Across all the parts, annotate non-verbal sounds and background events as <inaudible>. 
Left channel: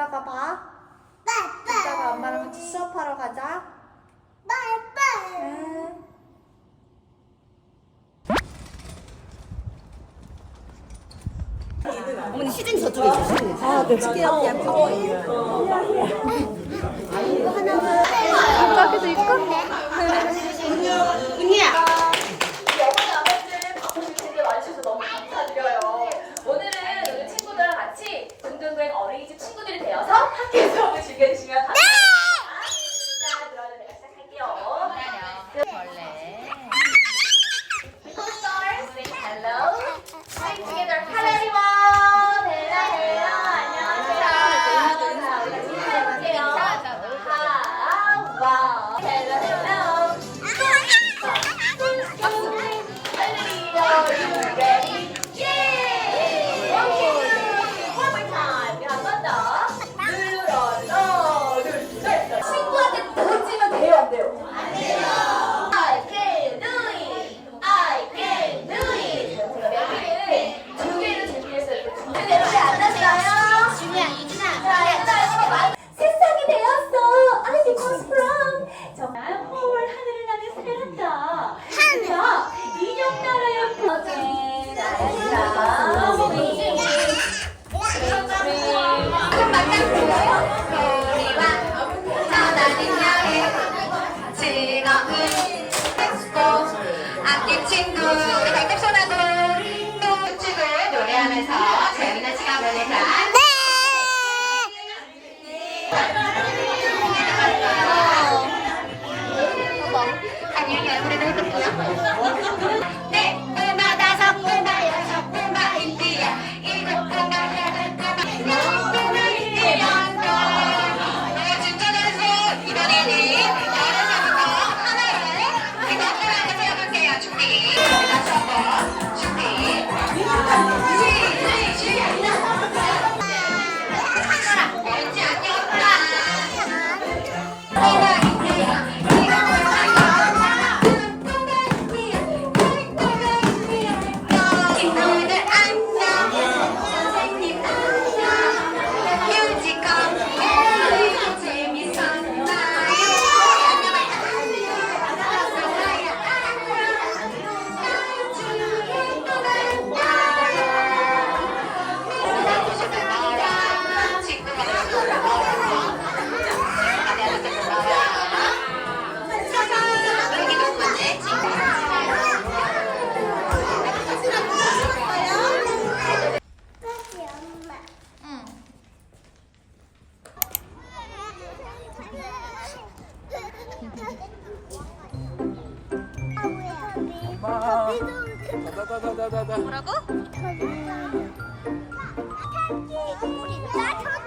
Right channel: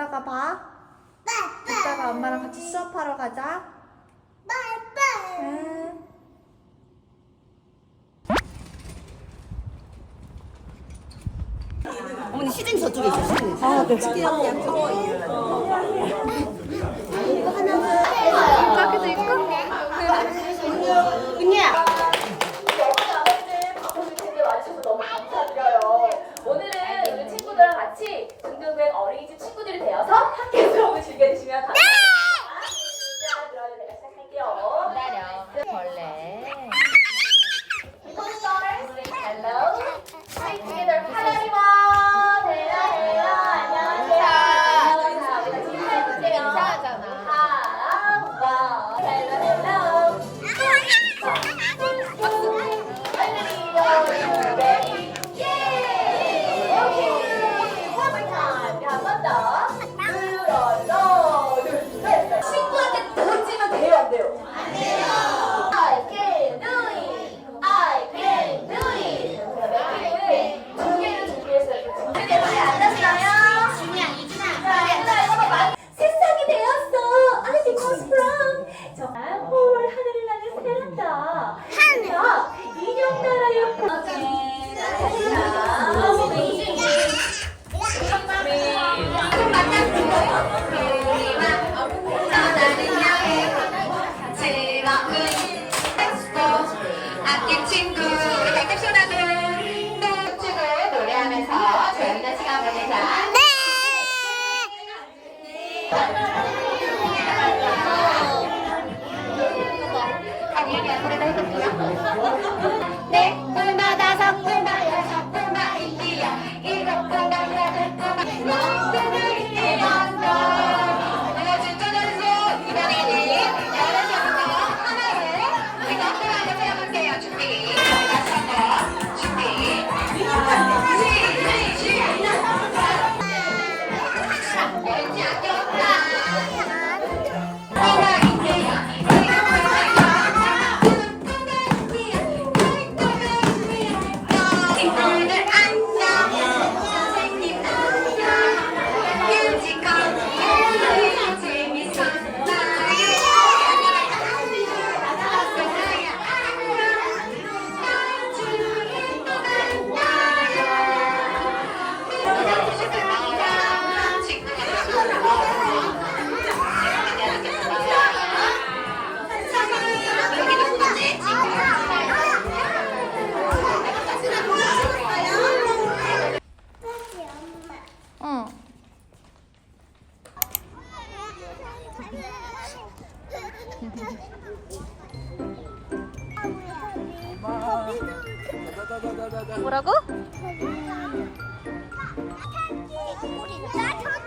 이따가 봐. 이따가 엄마랑 같이 수업하러 가자. 응. 어머니 시즌 저쪽에 있어 아, 네. 아, 아, 이거 하나만 입학해서 입학? 은유야 뭐라고? 나 저기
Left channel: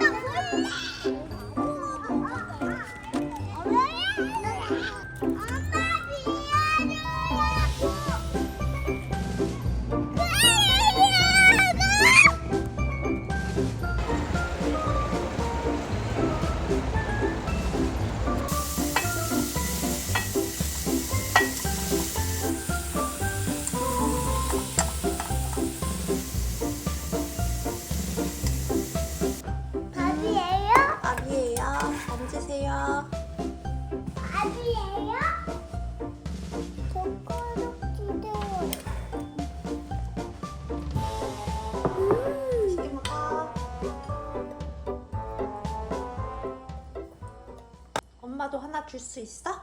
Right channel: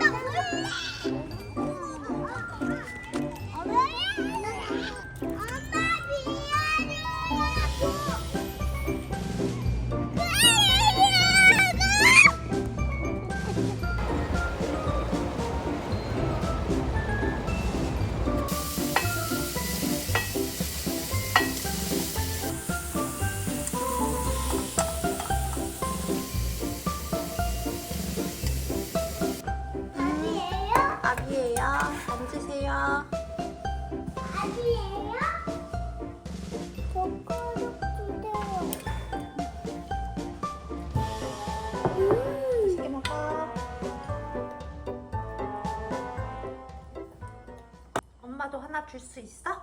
엄마도 하나 줄 수 있어?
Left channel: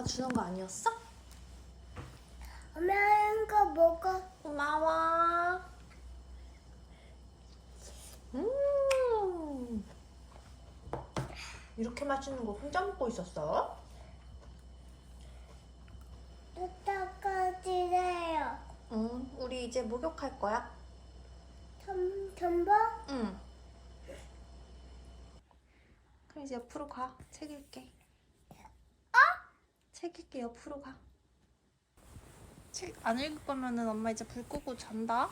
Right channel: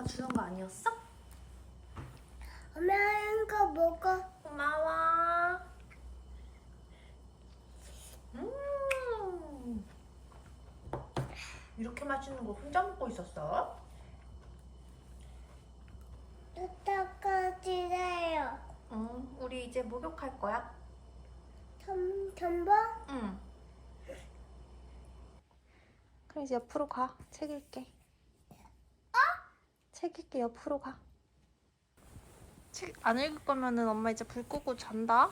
엄마가 주는 거 아니었어? 엄마 이거 먹어. 고마워. 음. 이렇게 맛있는 거 혼자 먹고 있었어? 이따까지래요. 응, 우리 이제 목욕할 거야. 전 전보? 응. 그럼 이제 옆으로 가. 책 읽게. 책 읽게 옆으로 가. 책 안 읽을 거면 엄마 이제 불 끄고 잔다.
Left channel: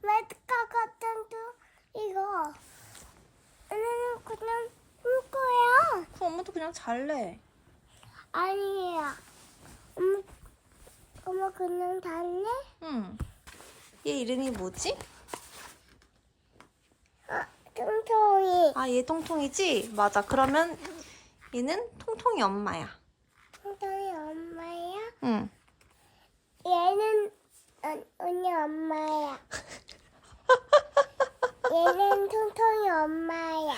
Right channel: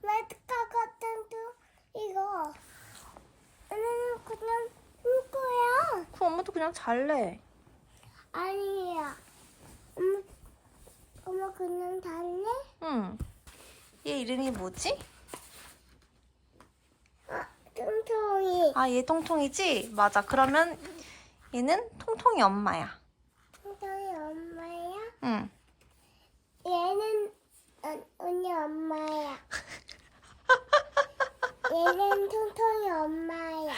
레드카 같은 도 이거 나는 그냥 울 거야. 그럼 엄마도 그냥 잘래. 아니야. 엄마, 엄마 그냥 잘래? 응. 얘 이름이 뭐지? 아, 통통이. 아, 얘 통통이지? 맞아. 그러면 얘는 통통이 엄마야. 뚱뚱이 엄마야? 응. 얘는 어, 언니 엄마야. 얘는 뚱뚱이 엄마야.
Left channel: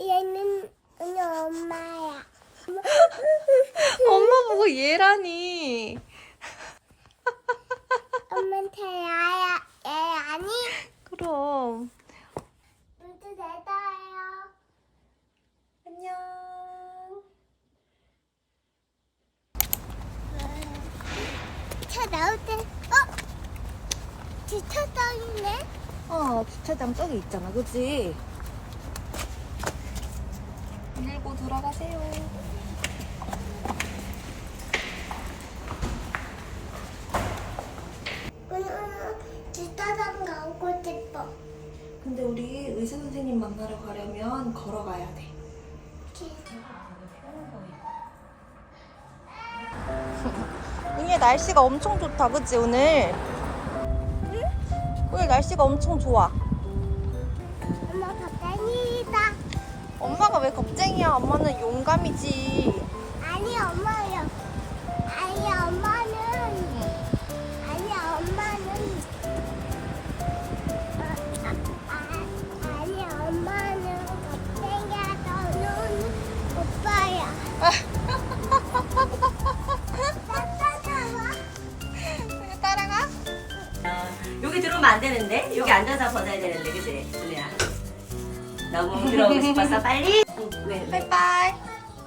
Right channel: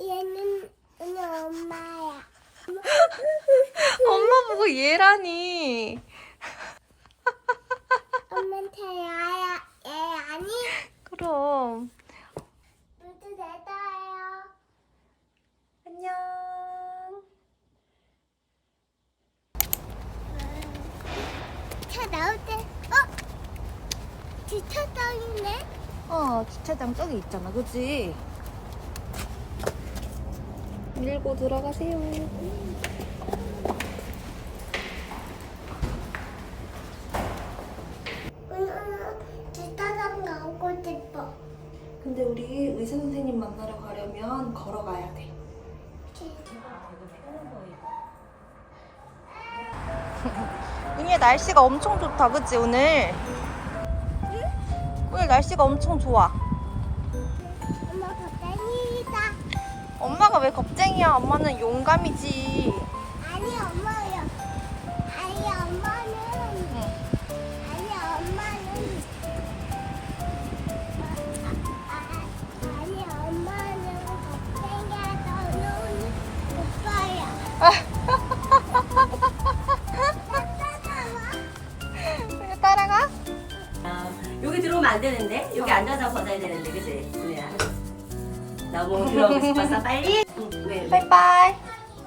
얘는 언니 엄마야. 엄마 보고 얘라니. 엄마한테 야야, 얘 아니? 그럼. 모두 내다요. 안녕. 차 나올 때, 어? 주차장이네? 어, 주차장 저기 있잖아. 그치? 밀고 들어가세요. 오늘 주차장 가고 싶어. 근데 우리 의사 선생님 만나러 가려면 걸어가야 돼. 이게 날씨가 엄청 좋다, 그치, 오늘? 오늘 날씨가 엄청 좋아. 엄마 갑자기다. 엄마가 왜 겁쟁이야? 엄마는 용감이지. 아니 엄마 들어오면 안 되는데? 여기 앉아서 벗어야 되는데, 그치? 은혜야. 너무 들어오고 싶어서 빨리? 응, 왜, 왜? 바이바이.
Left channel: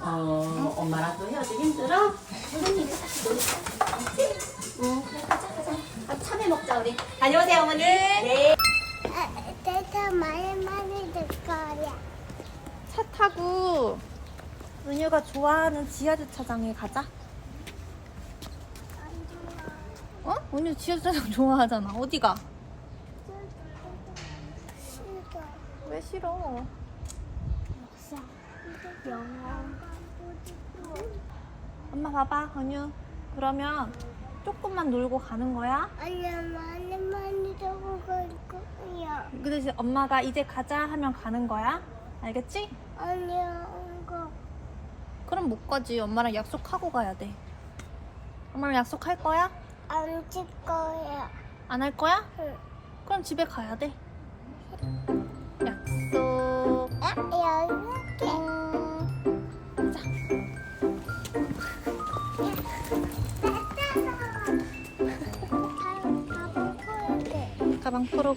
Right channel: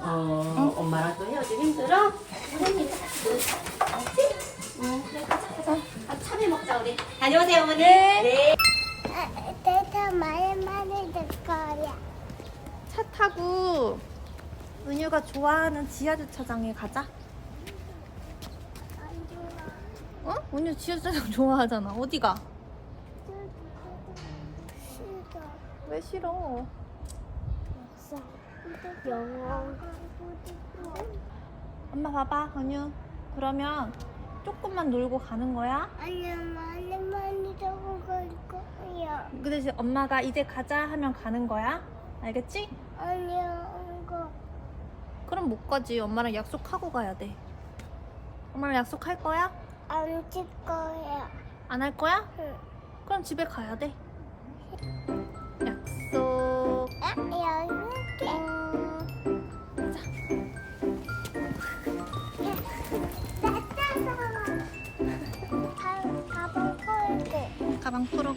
어, 엄마랑 또 헤어지기 힘들어? 선생님, 응, 그래, 가자, 가자. 아, 참외 먹자, 우리. 다녀오세요, 어머니. 네. 아, 내가 말 많이 들 거야. 차 타고 은유가 좋아하는 지하 주차장에 가자. 안 좋아. 어? 은유 지하 주차장 좋아하잖아. 어디 가? 싫어. 왜 싫어? 역사. 영화 가고 싶어. 엄마 봐봐, 은유. 그러면 조금만 놀고 가는 거야? 아니야 많이 많이 적어 갈 거야. 그 대신 엄마가 이제 가자 하면 가는 거야? 알겠지? 아니야 이거 그럼 못 가지. 엄마랑 약속하고 가야 돼. 엄마랑 약속할 거야? 안찍 거야. 안 할 거야? 응. 그럼 집에 가야 돼. 약속. 아 여기. 가방 털게. 가방 풀고.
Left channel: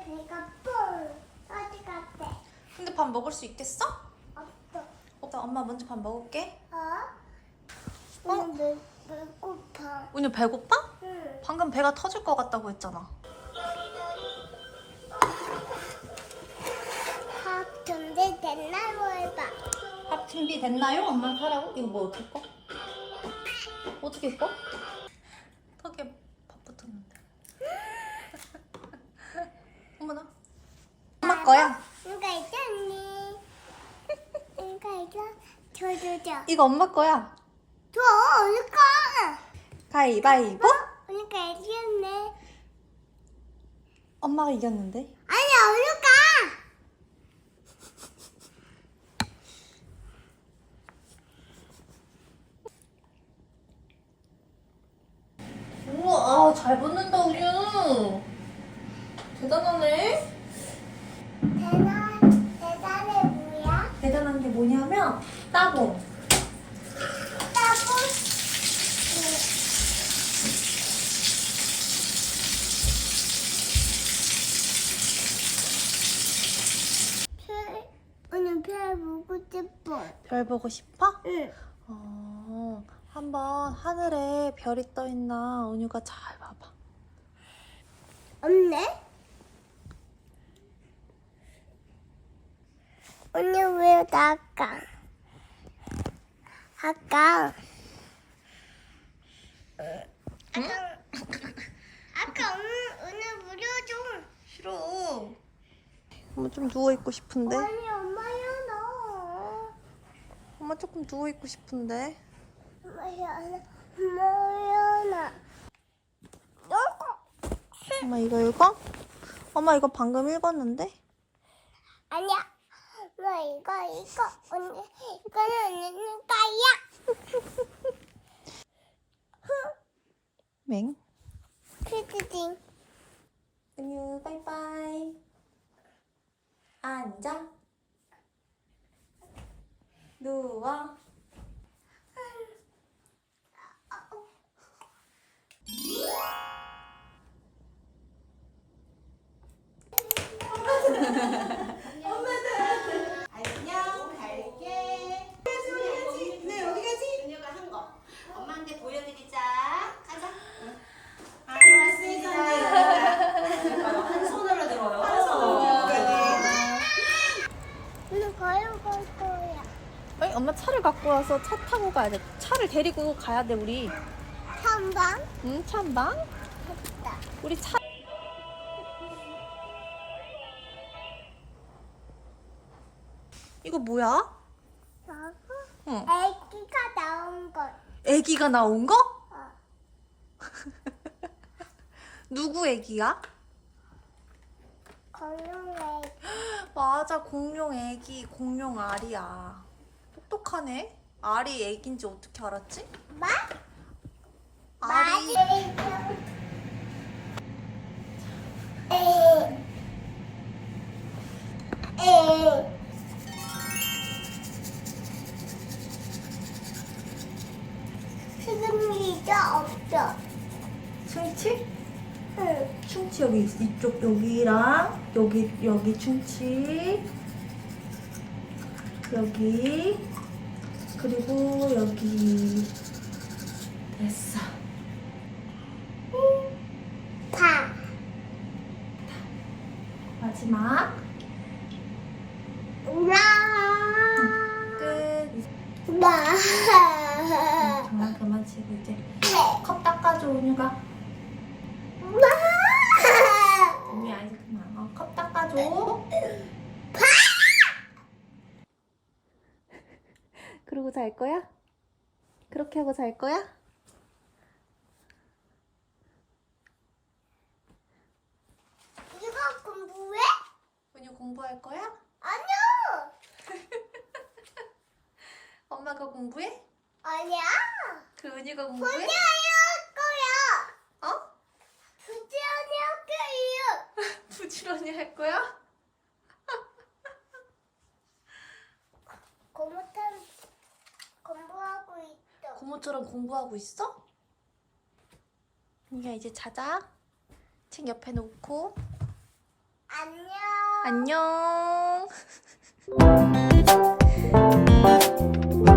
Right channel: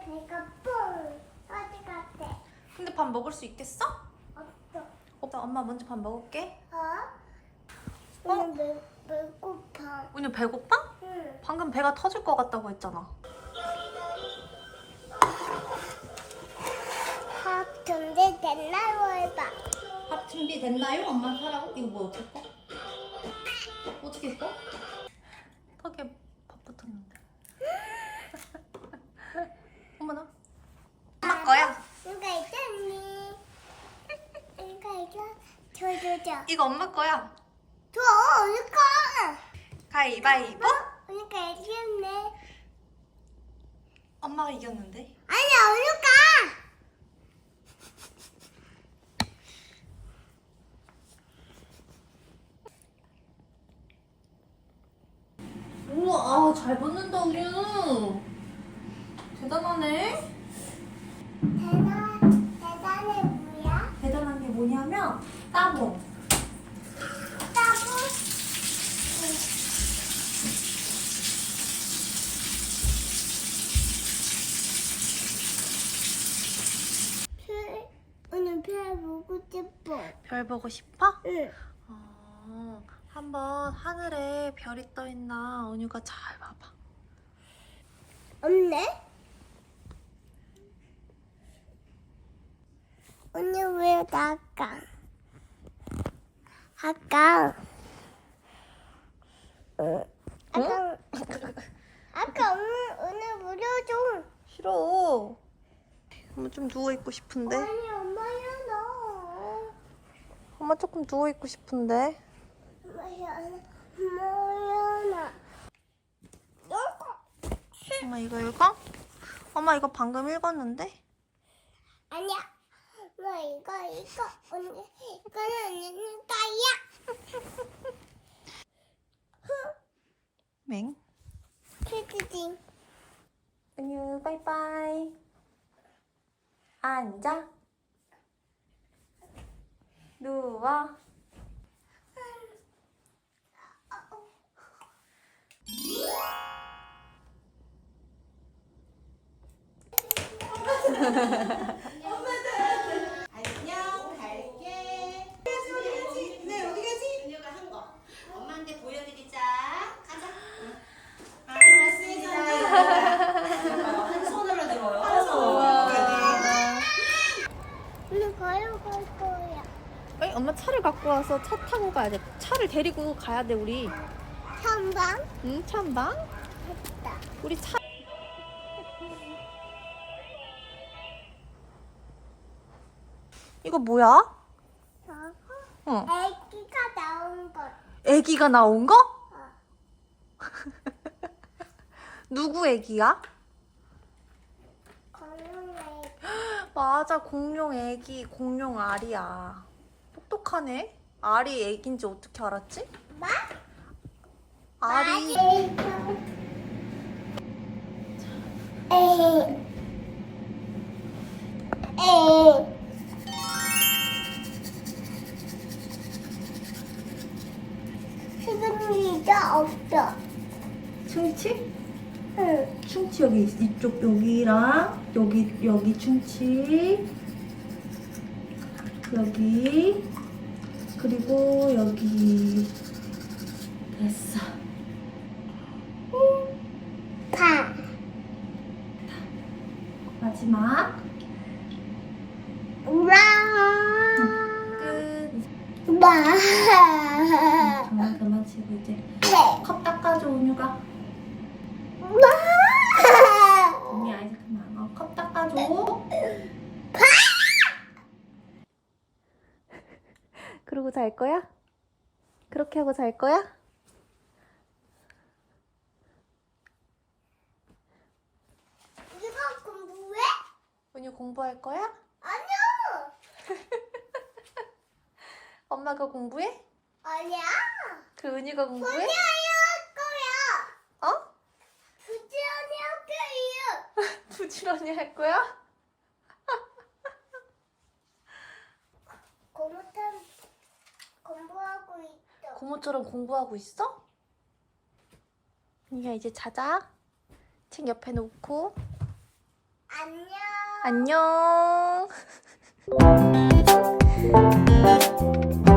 배가 뽕 어디 갔대? 근데 밥 먹을 수 있겠어? 없어. 오빠 엄마 먼저 밥 먹을게. 어? 오늘 배, 배고파. 은유 배고파? 응. 방금 배가 터질 것 같다고 했잖아. 밥 준비 됐나요 해봐. 밥 준비 됐나요? 엄마 사라고? 이거 뭐 어떻게 꺼? 어떻게 꺼? 턱에 밥 붙었는데. 어머나. 엄마 거야. 이거 있잖니. 이거 있어. 줘줘줘. 이거 엄마 거야. 줘, 이거. 가위바위보. 그러니까 이겼네. 엄마가 이겼는데. 아니야, 우유가. 우와, 잘 붙는다, 우유. 대단하네. 대단, 대단해 뭐야? 대단한 게 뭐냐면 따봉. 따봉. 별 보고 싶어. 별 보고 싶어? 응. 어, 한번 하늘에 별이 떠 있나 은유가 잘 봐봐. 없네? 언니 왜 나가? 아까 응. 아까 아까 오늘 오늘 무료 좀 싫어. 엄마 좀 누워 있고 싶은데. 아니 엄마야 너 엄마 조금 누워 있고 싶은데. 엄마야 나 엄마야 나 너거 엄마 이거 읽어? 엄마 이거 방금 읽었는데? 아니야 엄마 이거 이거 언니 이거는 언니는 까야 맹. 크크딩 은유 바이바이. 앉아. 누워. <laughs> 안녕 갈게. 네 어디 가지? 은유가 한 거. 엄마한테 보여드리자. 가자. 안녕하세요. 한 손으로 들어요. 한 손으로. 오늘 가요 갈 거야 아니 엄마 차를 갖고 와서 차 타고 가야 돼. 차를 데리고 가야 돼 우리. 한방 응 찬방? 했다 우리 차. 이거 뭐야? 저거 응. 애기가 나온 것 애기가 나온 거? 어. <laughs> 누구 애기야? 공룡 애기 <gasps> 맞아 공룡 애기 공룡 알이야. 똑똑하네. 알이 애기인지 어떻게 알았지? 마? 알이 시그니가 없어 충치? 응 충치 여기 있- 이쪽 여기랑 여기 여기 충치 여기 그리고 여기 됐어. 파 마지막 우와 끝. 와 그만 그만 치고 이제 컵 닦아줘 은유가. 은유 아직 그만. 어, 컵 닦아줘. 그러고 잘 거야? 그렇게 하고 잘 거야? 이거 공부해? 은유 공부할 거야? 아니야 <laughs> 엄마가 공부해? 아니야 그 은유가 공부해? 언니 할 거야 어? 부지런히 할 거예요 <laughs> 부지런히 할 거야? <laughs> 고무탄 공부하고 있어. 고모처럼 공부하고 있어? 니가 이제 자자. 책 옆에 놓고. 안녕. 안녕. <laughs>